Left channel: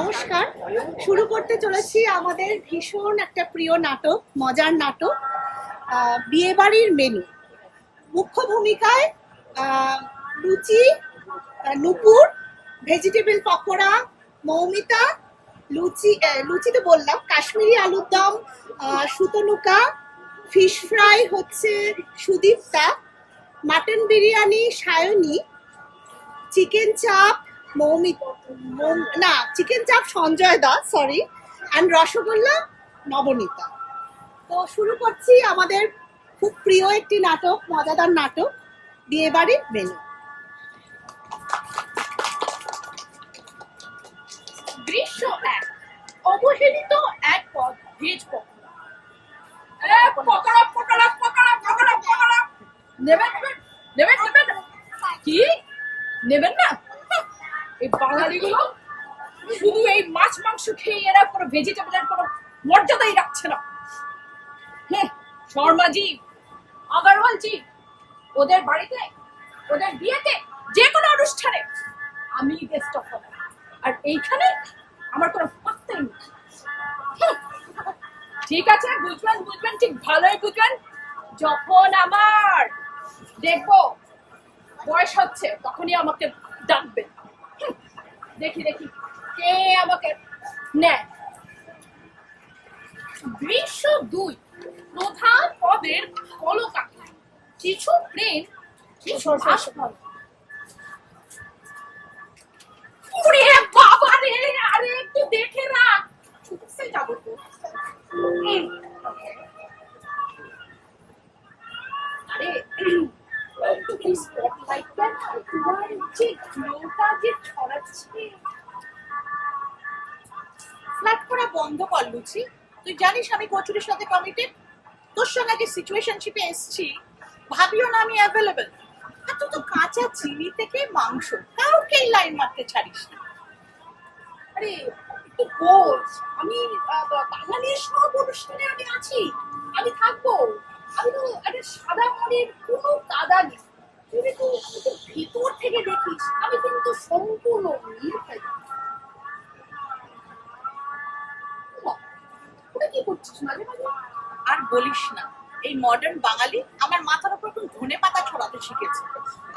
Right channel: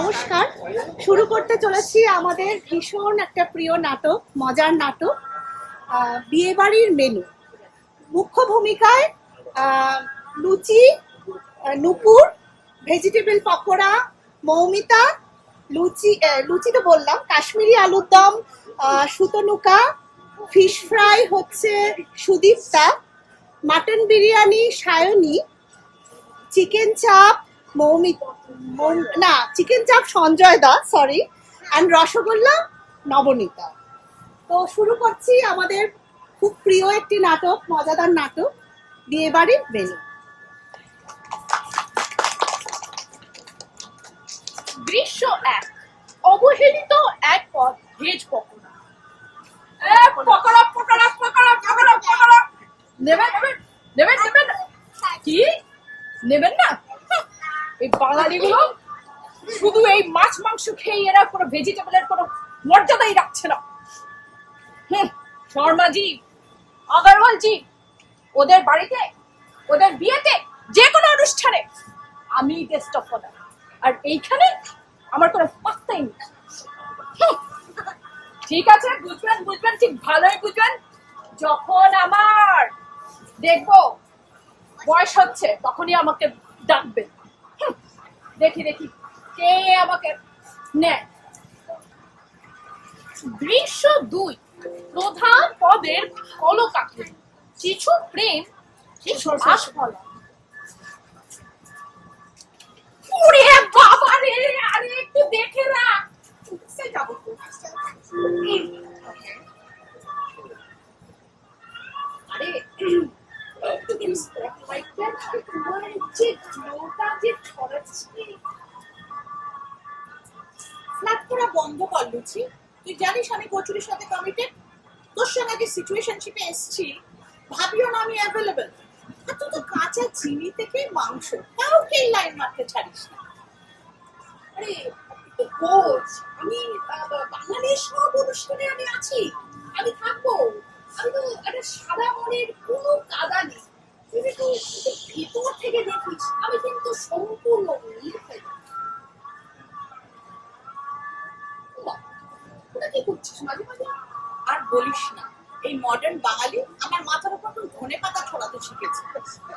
নমস্কার। শুরু করতে চলেছি আমাদের ভীষণ একটা প্রিয় নাটক, মজার নাটক বিয়েবাড়ির মেনু। মুখ্য ভূমিকায় লুচি, নুপুর, ভেজিটেবল পকোড়া, মৌমিতা, লুচি তো বললাম, কাশ্মীরি আলুর দম সুতনুকা, ফিশ ফ্রাই হচ্ছে সুদীপ্তা, মাটন বিরিয়ানি সায়নী, চিকেন চাপ চিকেন চাপ সঞ্জয় দা, সরি, অ্যান্ড রসগোল্লা নবনীতা। তো শুরু করছি আমাদের খুব প্রিয় একটি নাটক, মজাদার নাটক বিয়েবাড়ির মেনু। দৃশ্য 1। অবহেলিত এক পদ ভেজ পকোড়া। পকোড়া পকোড়া পকোড়া পকোড়া পকোড়া নেবেন নেবেন নেবেন কি নেবেন না? এই বাঙালিগুলো শুধু এই মাছ মাংস খেয়ে এরা কোনো ভেজিটেবলের কোনো মর্যাদাই রাখছে না। শর্মাজি, আগরওয়ালজি, ওদের বাড়িতে, ওদের বিয়েতে, যে কোনো অনুষ্ঠানে আমি গেস্ট অফ অনার, আর এইখানে আমার কোনো পাত্তাই নেই। ঠিক আছে, বুঝবেন বুঝবেন, ঠিক ভালোই বুঝবেন। যখন আমার দেখবো বয়স হচ্ছে তখনই আমাকে ডাকবেন। দেখি দেখি কে আমাকে নেয়। দৃশ্য 2। প্রধান পদের কলকাঠি, কিছু প্রেম, কিছু আশফলা। ওরে বাবা রে, আরে একটু দেখে রাখ, চুপসে যাবো তো। আরে একটু স্পটলাইটটা তোমার যে গ্লোটা যে ছড়াচ্ছে। ফ্ল্যাট করা বন্ধ কর লুচি। তুই জানিস আমি কচুরির সাথে কমিটেড। তোর সঙ্গে যে সিচুয়েশনশিপে এসছি, ভাবিও না আমি অ্যাভেলেবল। আর তুই তো কাঁচা চিনি থেকে মাংস কাউকেই লাইন মারতে ছাড়িস না। আরে একটু বোঝ, আমি বাঙালির সব অনুষ্ঠানে আমি আছি, আমি থাকবো। আমি তো একটা সাদা মনের কোনো কাদা নেই। তুই একটু ভিতর থেকে দেখিস, আমি কিন্তু সম্পূর্ণ নির্ভেজাল। ওটা কি করছিস মাঝে মাঝে? আর বলিস না, এই মডার্ন বাঙালি আমার মাথার উপর এখন ধনে পাতা ছড়াতে শিখেছে।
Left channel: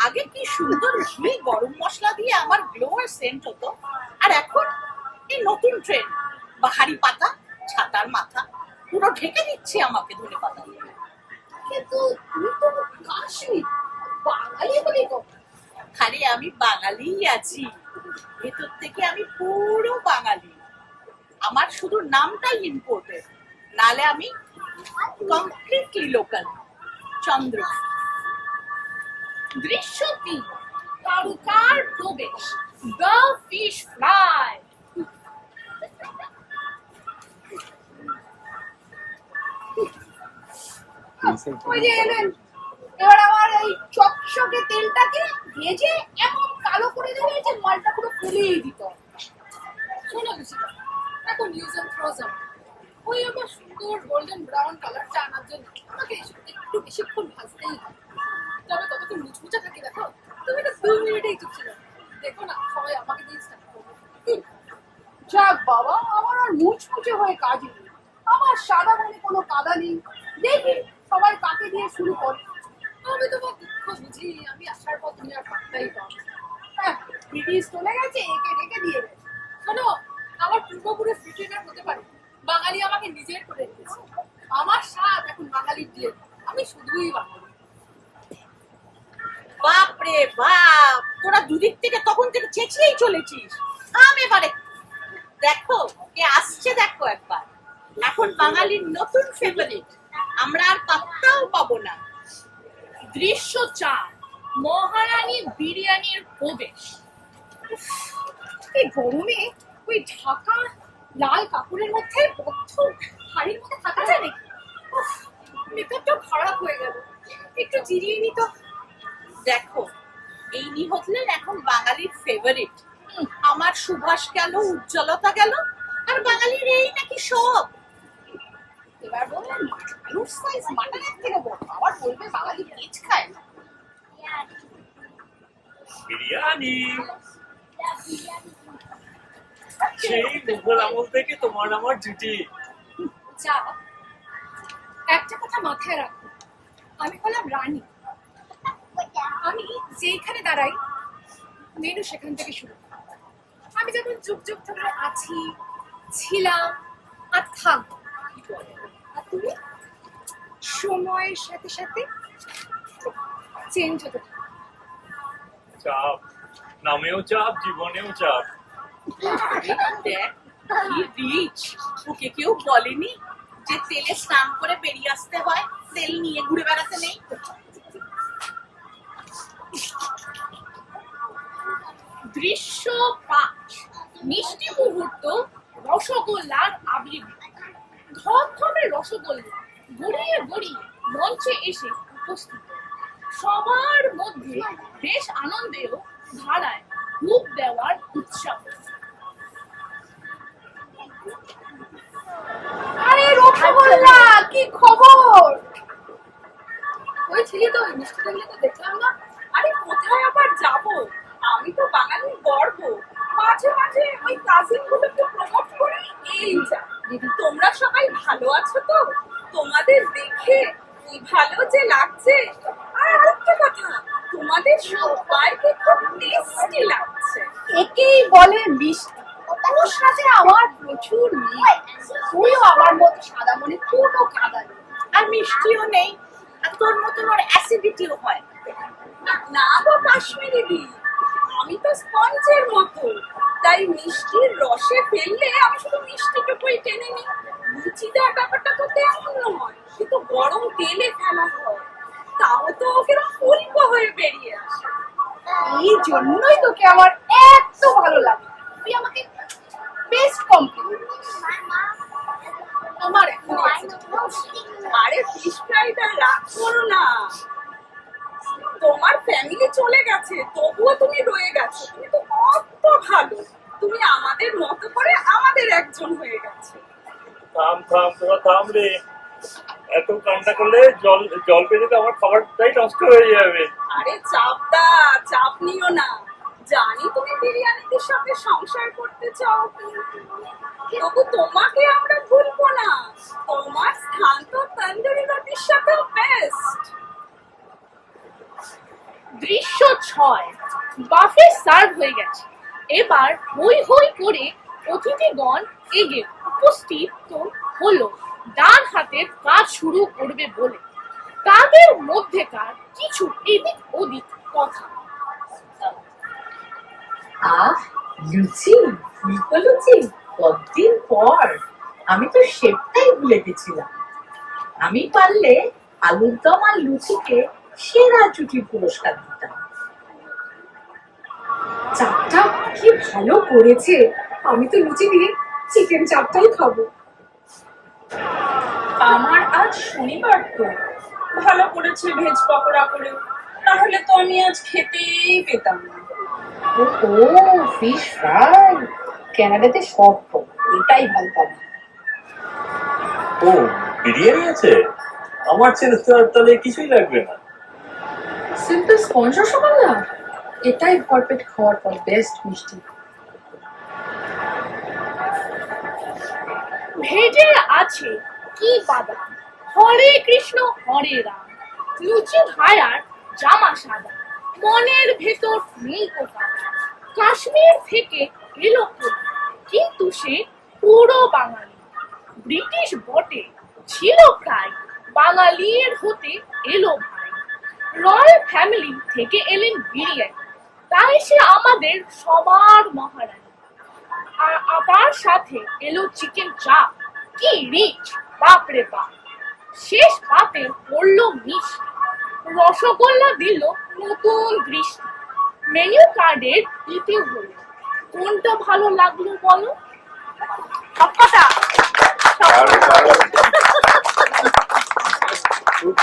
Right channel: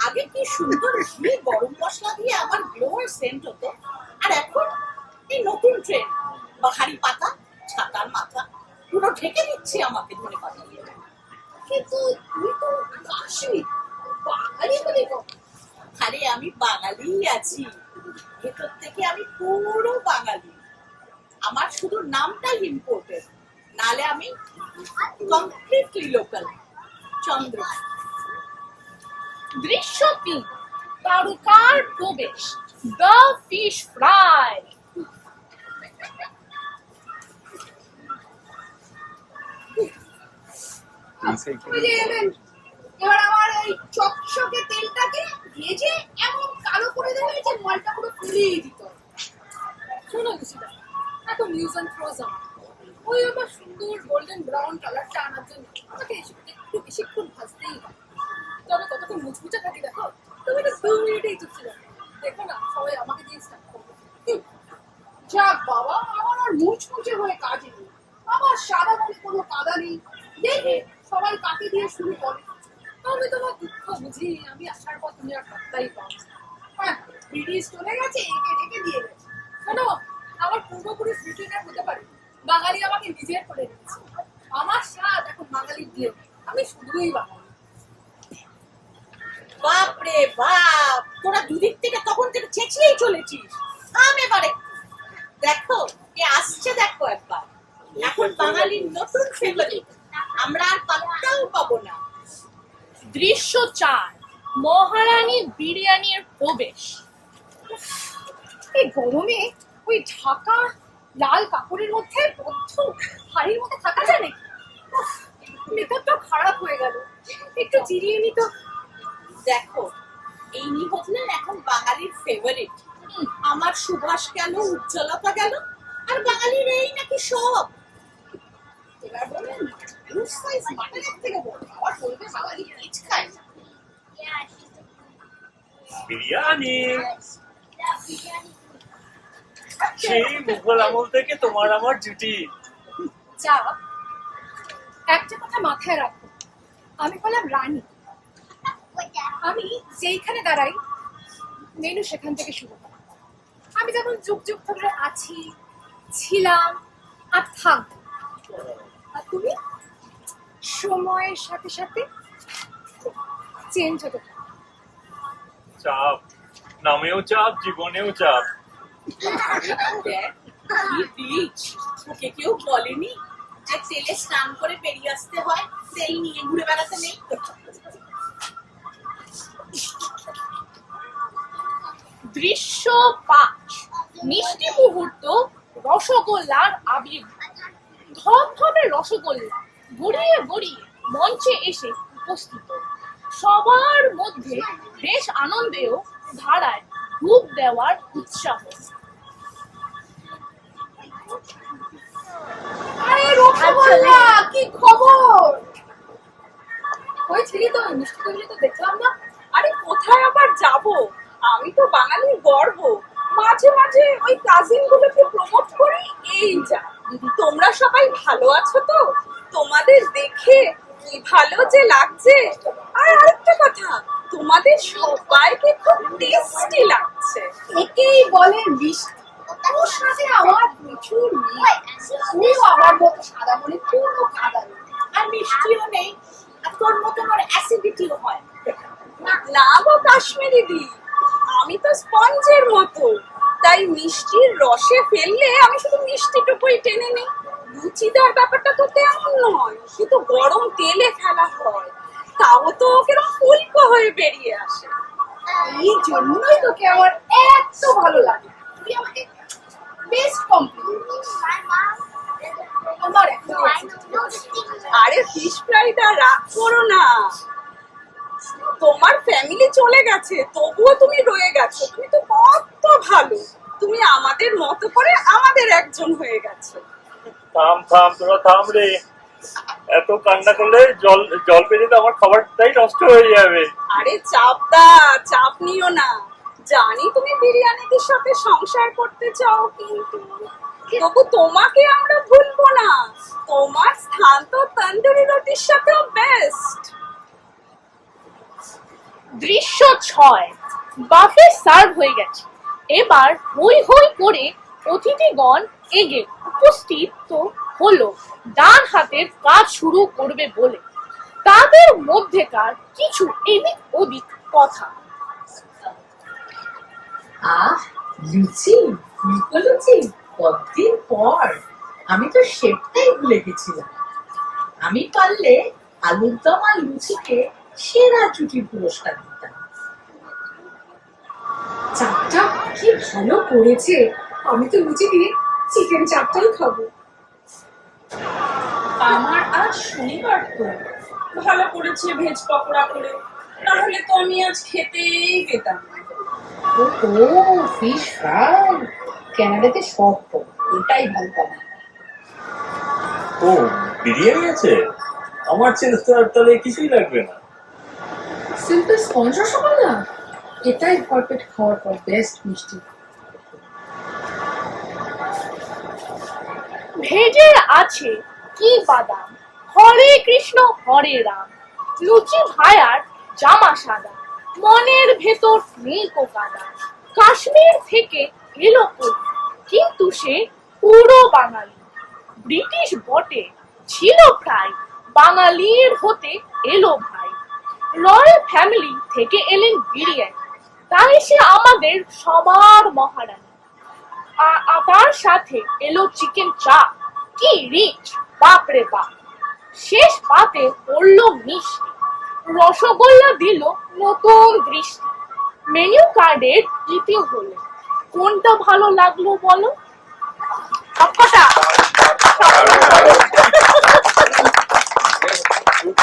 আগে কি সুন্দর ঘি গরম মশলা দিয়ে আমার গ্লো আর সেন্ট হতো, আর এখন এই নতুন ট্রেন্ড বাহারি পাতা, ছাতার মাথা পুরো ঢেকে দিচ্ছে আমাকে ধনে পাতা দিয়ে। কিন্তু তুই তো কাশ্মীর বাঙালি বলি তো। খালি আমি বাঙালিই আছি, ভেতর থেকে আমি পুরো বাঙালি। আমার শুধু নামটাই ইম্পোর্টেড, নালে আমি কমপ্লিটলি লোকাল। চন্দ্র। দৃশ্য 3। তারকার প্রবেশ, দ্য ফিশ ফ্রাই। ওই যে এলেন, এবার আমার এই চকচকে তেলটাকে ভেজে এমন কালো করে দেবে যে মালটা পুরো ফুলিয়ে দিত। শোনো লুচিদা, এখন ইউজ অ্যান্ড থ্রোজ আমার। ওই আমার সুন্দর গোল্ডেন ব্রাউন কালারটা আনার জন্য আমাকে একটু বেশিক্ষণ ভাজতেই হয়। তবে কতক্ষণ মুচমুচে থাকি দেখো। তুমি তো 2 মিনিটেই চুপসে যাও। দেখো না, সবাই আমাকে দিয়ে স্টার্ট করবে। যাক বাবা, আমার আর মুচমুচে হয়ে কাজে নেই। আমার সাদা মনে কোনো কাদা নেই। দেখি সবাই কাকে দিয়ে শুরু করে। আমি তোমার দুঃখ বুঝি, আমি আসার পর তুমি আর পাত্তাই পাও না। হ্যাঁ, ব্রিটিশ চলে গেছে, একে রেখে দিয়ে গেছে। শোনো, আমার পূর্বপুরুষ ব্রিটেনের হতে পারে, বাঙালি আমাকে নিজের করে দিয়েছে। আমার স্বাদ এখন বাঙালির দিয়ে, আমি শুধুই বাঙালি। বাপ রে বাপ, তোরা দুদিক থেকে তখন থেকে চেঁচিয়েই চলেছিস। থাম এবারে, দেখো কে আসছে, দেখো একবার। এখন বাঙালির নতুন ফেভারিট, আমরা আর পাত্তাও পাবো না। দৃশ্য 4। মহারানী বিরিয়ানির প্রবেশ। এই গরমে ওই ঢাকা লাল কাপড়ের মধ্যে বদ্ধ হাড়ির মধ্যে থাকা যায় নাকি? মেকআপটা খারাপ হয়ে গেল, একটু জিরিয়ে নিত। দেখো, এই নিহতলেন এখন বাঙালির ফেভারিট। আমার সুভাষ গেল, উজ্জ্বলতা গেল, আর বাঙালির এই নাকি সব। এবার বললেন আলুর সাইজ মাটনের থেকে বড়, আবার বলবে বাঙালি ভেজ খায়। বিরিয়ানি। সেই মুঘল আমল থেকে তোমার আমার জুটি। যা, একটা কথা মাথায় রাখো, আমি হলাম রানী। আমি যেইখানে দাঁড়াই মেনু সেখান থেকে শুরু করি। আমি যেমন যুগ যুগ ধরে আছি, ছিলাম আর থাকবো। আর তুমি সময়ের সাথে সাথে চেঞ্জ হতে থাকো। চাপ, নামেও চাপ, জীবনেও চাপ। দেখ কি রিচ, ওকে কেউ বলেনি যে তেলে স্নান করে বেরিয়ে আসতে হয়, তেল নিয়ে ঘুরে বেড়াতে নেই। দৃশ্য 5, মিষ্টি মুহূর্ত, রসগোল্লার আবির। ধবধবে রসগোল্লা গড়িয়ে গড়িয়ে মঞ্চে এসে উপস্থিত, সবার মধ্যে বেশ আনন্দেও ধারায় ডুব দেওয়ার উৎসাহ। আরে রসগোল্লা, কি খবর? হয়েছিলি তো মিষ্টি টেবিলে, তো দেখলাম না। আরে কোথায় আবার যাব, আমি তো বাঙালির গর্ব। মাঝে মাঝে ওই কাজিন গুলোকে প্রমোট করি, এই যা। তোমরা সবাই ভালো আছো তো? তোমাদের দেখে কি ভালো যে লাগছে। আর আরেকটা কথা, তোমাদের সবাইকে খুব টেস্টি লাগছে। একেই বলে মিষ্টি। ওর সাথে আমার প্রচুর মিল। তুইও আমার মতো সাদা মনে কোনো কাদা নেই। আর মিষ্টিও নেই, আর তোর মতন ওর অ্যাসিডিটিও হয় না। না গো কাশ্মীরি দি, আমি তো স্পঞ্জের মতো, তাই মিষ্টির রসে ফেললে আমি শুধু মিষ্টিটুকুই টেনে নিই। রুচিদার ব্যাপারটা তো তেমন নয়, কিন্তু গরম তেলে ফেলা হয়, তাও তো কিরকম ফুলকো হয়ে বেরিয়ে আসে। এই জন্যই তোকে আমার এত ভালো লাগে। তুই আমাকে বেস্ট কমপ্লিমেন্ট। আমার এখন আরে ফিশ ফ্রাইটা রাগ করো না, তোমার ফ্যামিলি চলে গেছে তবুও তুমি রয়ে গেছো। তুমি তো কত ভালো, তুমি আমাদের মতো করে আমাদের একজন হয়ে গেছে। থাম থাম, তোরা থাম রে। এত কান্না করলে জল জল পেলে তো আমার খাবারটাই নষ্ট হয়ে যাবে। আরে চাপ নিও না, জানি তুমি বিরিয়ানিদের সাথে সংসার করতে চাও, কিন্তু তবু তোমাকে আমরা ভুলবো না। তোমার স্থান তো তন্দুরি রুটির সাথেও বেস্ট। দৃশ্য 6, বাফে সার্ভ হয়ে গেছে। এবার হই হই করে অতিথিগণ এগে উপস্থিত হলো ডান হাতের কাজ শুরু করবে বলে। তাদের মধ্যেকার কিছু এদিক ওদিক কথা। আহ, লুচি, ফুলকো লুচি, কতদিন পর। আমি তো শেপটাই ভুলে গেছিলাম। আমি পারলে আলুর দম আর লুচিকে সেরা জুটির পুরস্কার দিতাম। চাপটা কি ভালো করেছে। আমি তো লুচি দিয়ে চিকেন চাপটাই খাবো। আমার আজ শনিবার তো, ভালো করেছে ভেজ পকোড়া করে, তাহলে তো আমি আজ খেতেই পেতাম না। ও ফিশ ফ্রাই, ক্যানাডাতে শর্ত, এটাই ভালো পাবি। ও, বিরিয়ানি আছে? আমার ছেলে তো আর তাহলে কিছুই লাগবে না। সিম্পল স্পঞ্জ রসগোল্লা, এটাই ভরপেট খাওয়ার পর বেস্ট মিষ্টি। ভেজে আছে কি বাদাম, হরে কৃষ্ণ হরে রাম। লুচি ভায়ার জামা সাদা, মনের ভেতর নেই কোকাদা। কাশ্মীর থেকে এলো কবি, কিন্তু সে পুরো বাঙালি। ব্রিটিশ বটে, ছিল প্রায়, বাঙালির হতে এলো ভাই। রয়্যাল ফ্যামিলি থেকে এলেন বিরিয়ানি, তাই সে আমাদের সবার মহারানী। তার সাথে এলো চিকেন চাপ, কি রিচ, বাপরে বাপ। শেষ পাতে পড়লো মিষ্টি, রসগোল্লা দিল নতুন দৃষ্টি। মেনু কার্ডের ইতি হলো, কোনটা ভালো লাগলো বলো? সবকটা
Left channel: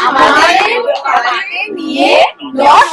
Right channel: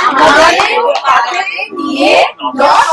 আমাদের নিয়ে 10